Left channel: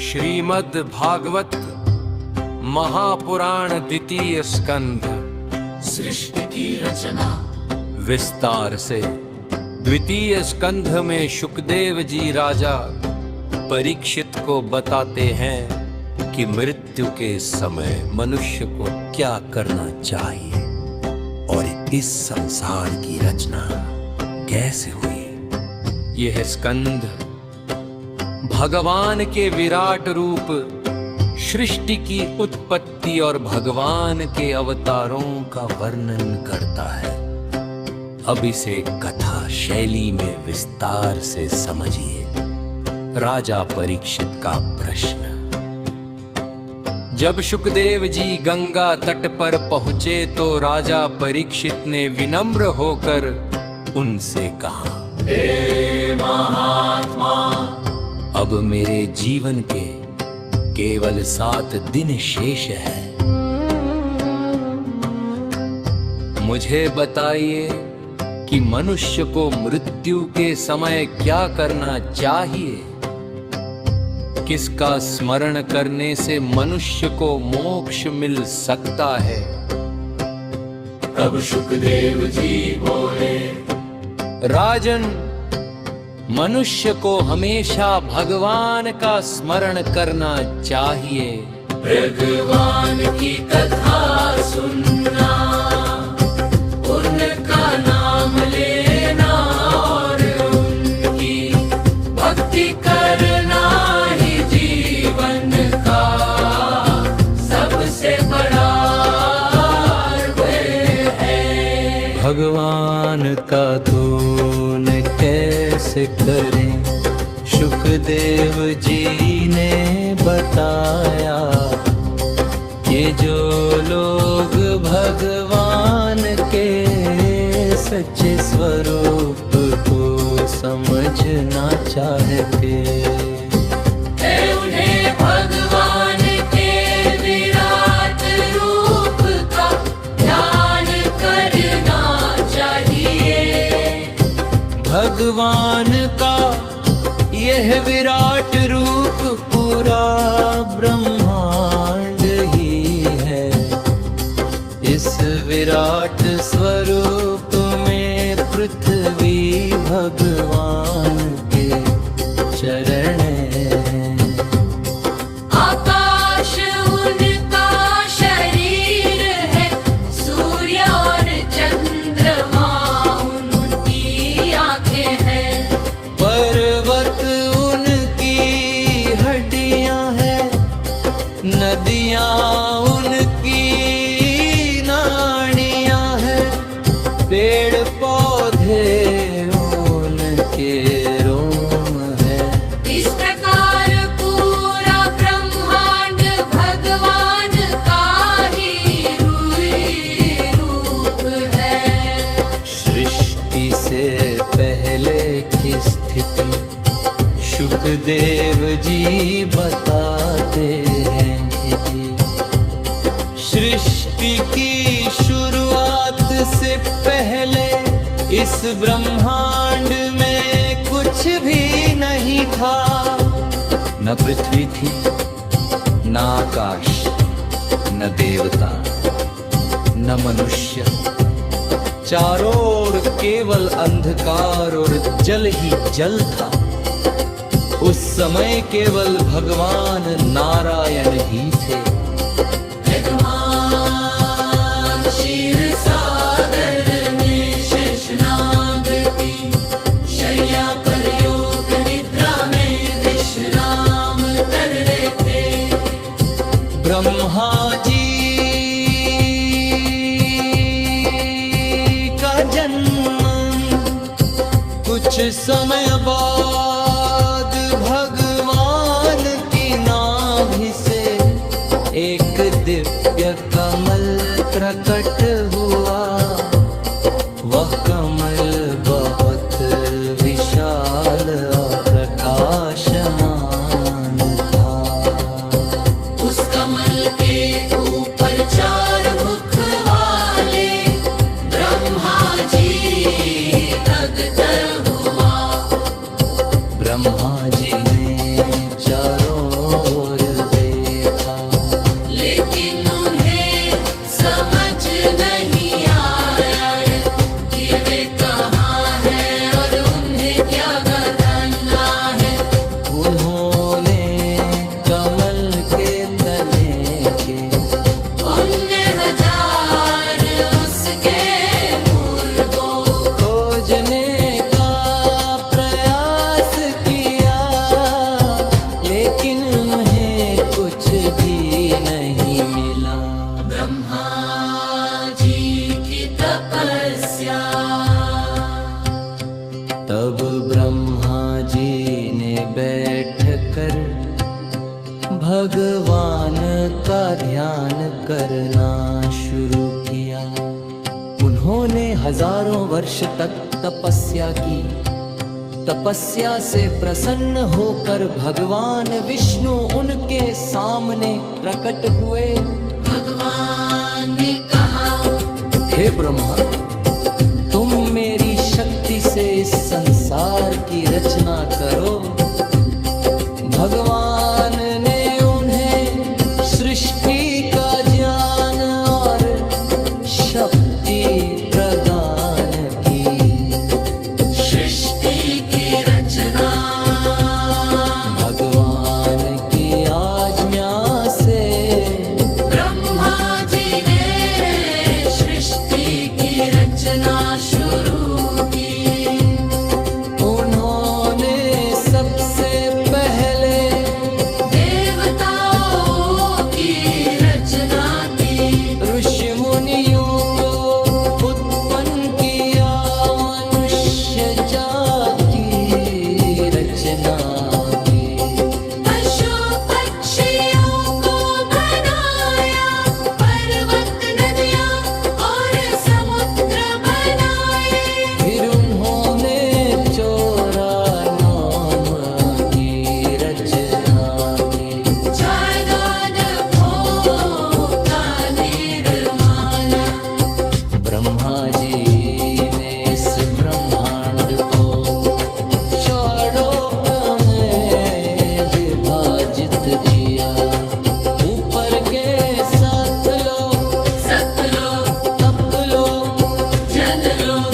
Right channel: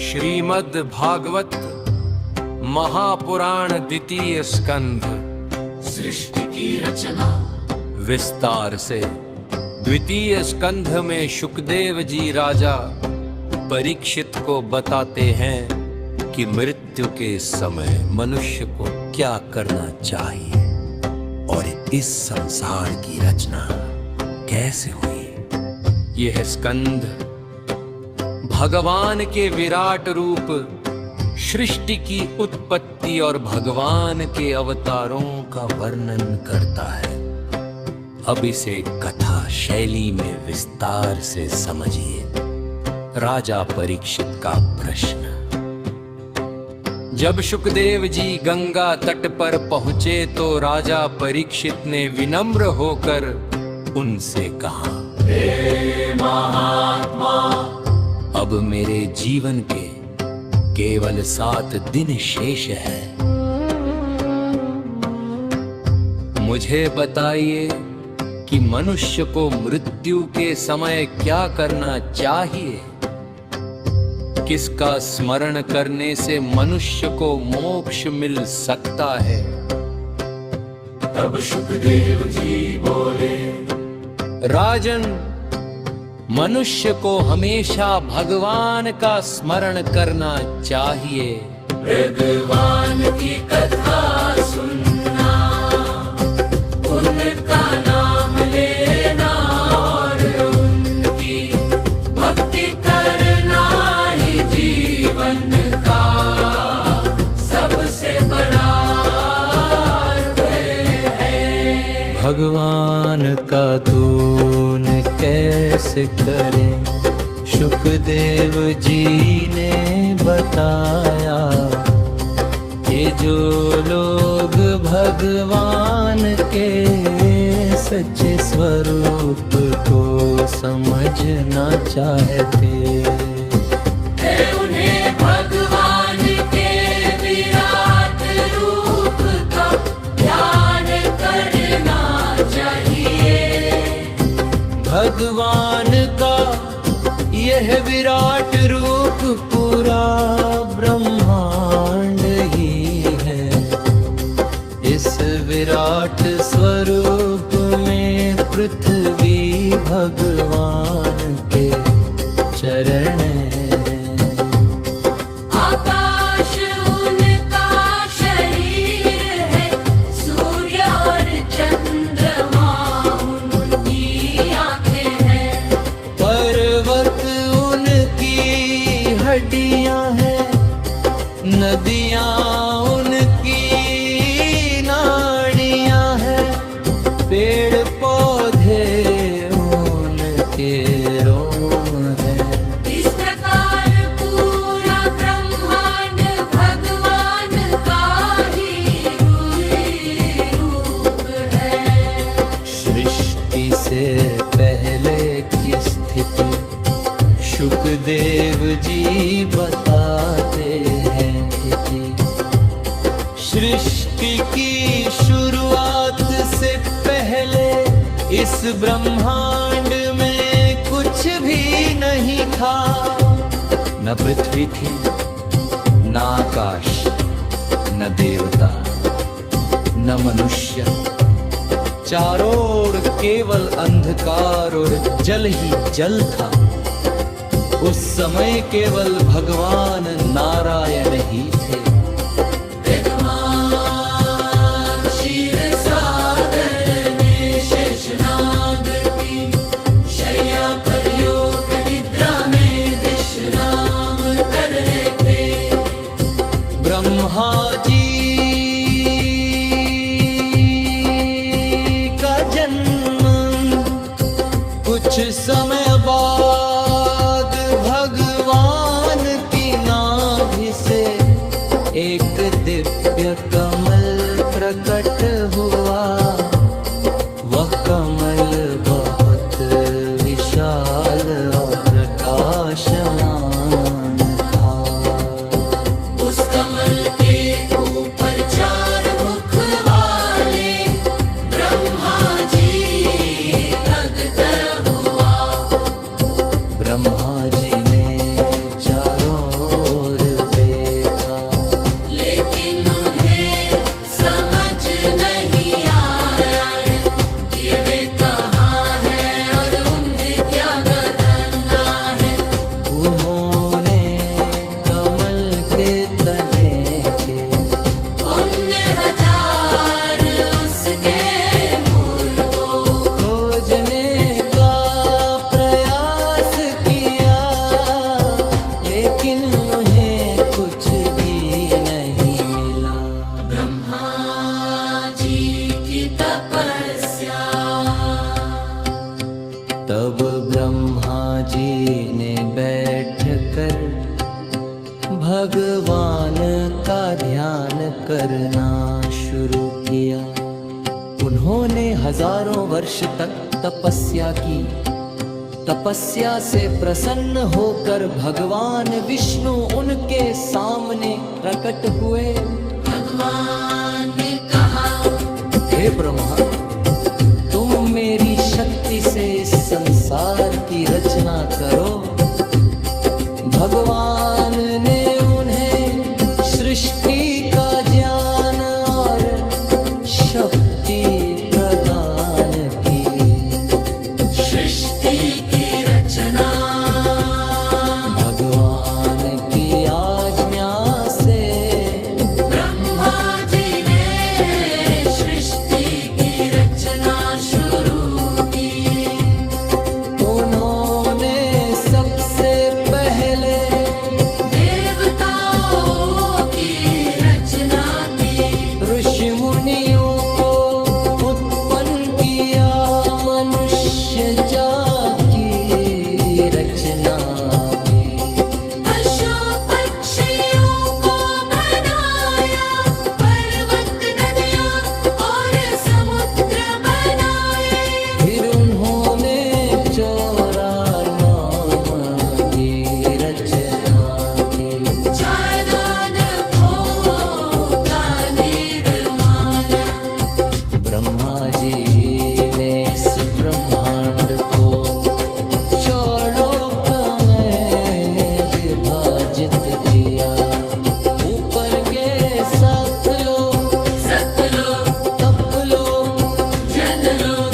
श्रीमद् भागवत महापुराण द्वितीय स्कंध सृष्टि की रचना। विस्तार से द्वितीय स्कंध में शुकदेव जी राजा परीक्षित को बताते हैं कि मृत्यु के समय मनुष्य को क्या करना चाहिए और इस संसार की रचना कैसे हुई। यह स्कंध भगवान के विराट रूप, सृष्टि की उत्पत्ति और भगवान के अवतारों का वर्णन करता है। अब इसे कथा शैली में विस्तार से समझिए। राजा परीक्षित का प्रश्न। जब शुकदेव जी गंगा तट पर पहुंचे तो राजा परीक्षित ने विनम्र होकर उनसे कहा, हे महात्मा, अब मेरे जीवन के केवल 7 दिन शेष है। मुझे बताइए कि मनुष्य को मृत्यु के समय क्या करना चाहिए। किसका स्मरण करने से मनुष्य को मोक्ष मिल सकता है। तब शुकदेव जी बोले, राजन, मनुष्य को हमेशा भगवान का स्मरण करना चाहिए। भगवान की कथा सुनना, उनका नाम लेना और उनकी भक्ति करना ही जीवन का सबसे बड़ा है। भगवान का धून कैसे करें, शुकदेव जी ने बताया कि जो लोग भगवान के सच्चे स्वरूप को समझना चाहते, उन्हें भगवान के विराट रूप का ध्यान करना चाहिए। भगवान का यह विराट रूप पूरा ब्रह्मांड ही है। इस विराट स्वरूप में पृथ्वी भगवान के चरण हैं। आकाश उनका शरीर है, सूर्य और चंद्रमा उनकी आंखें हैं। पर्वत उनकी हड्डियां हैं, नदियां उनकी नाड़ियां हैं, पेड़ पौधे उनके रोम हैं। इस प्रकार पूरा ब्रह्मांड भगवान का ही रूप है। सृष्टि से पहले की स्थिति शुकदेव जी बताते हैं कि सृष्टि की शुरुआत से पहले इस ब्रह्मांड में कुछ भी नहीं था। न पृथ्वी थी, न आकाश, न देवता, न मनुष्य। चारों ओर केवल अंधकार और जल ही जल था। उस समय केवल भगवान नारायण ही थे। क्षीर सागर में शेषनाग की शैया पर योग निद्रा में विश्राम कर रहे थे। ब्रह्मा जी का जन्म कुछ समय बाद भगवान की नाभि से एक दिव्य कमल प्रकट हुआ। वह कमल बहुत विशाल और प्रकाशमान था। उस कमल के ऊपर 4 मुख वाले ब्रह्मा जी प्रकट हुआ। ब्रह्मा जी ने चारों ओर देखा, लेकिन उन्हें समझ नहीं आया कि वे कहाँ हैं और उन्हें क्या करना है। उन्होंने कमल के तने के उन्हें हजार उसके मूल को खोजने का प्रयास किया, लेकिन उन्हें कुछ भी नहीं मिला। ब्रह्मा जी की तपस्या। तब ब्रह्मा जी ने बैठकर भगवान का ध्यान करना शुरू किया। उन्होंने हजारों वर्ष तक तपस्या की। तपस्या से प्रसन्न होकर भगवान विष्णु उनके सामने प्रकट हुए। भगवान ने कहा, हे ब्रह्मा, तुम मेरी शक्ति से इस संसार की रचना करो। भगवान ने उन्हें सृष्टि का ज्ञान और शक्ति प्रदान की। सृष्टि की रचना भगवान की आज्ञा से ब्रह्मा जी ने सृष्टि की रचना शुरू की। उन्होंने सबसे पहले देवताओं की रचना की। ऋषि मुनियों को उत्पन्न किया। मनुष्य जाति की रचना की। पशु पक्षियों को बनाया, पर्वत नदियाँ और समुद्र बनाए। फिर उन्होंने 94 की रचना की। ब्रह्मा जी ने इस ब्रह्मांड को चौलोक में विभाजित किया। ऊपर के 7 लोक, सतलोक, तपलोक, जनलोक,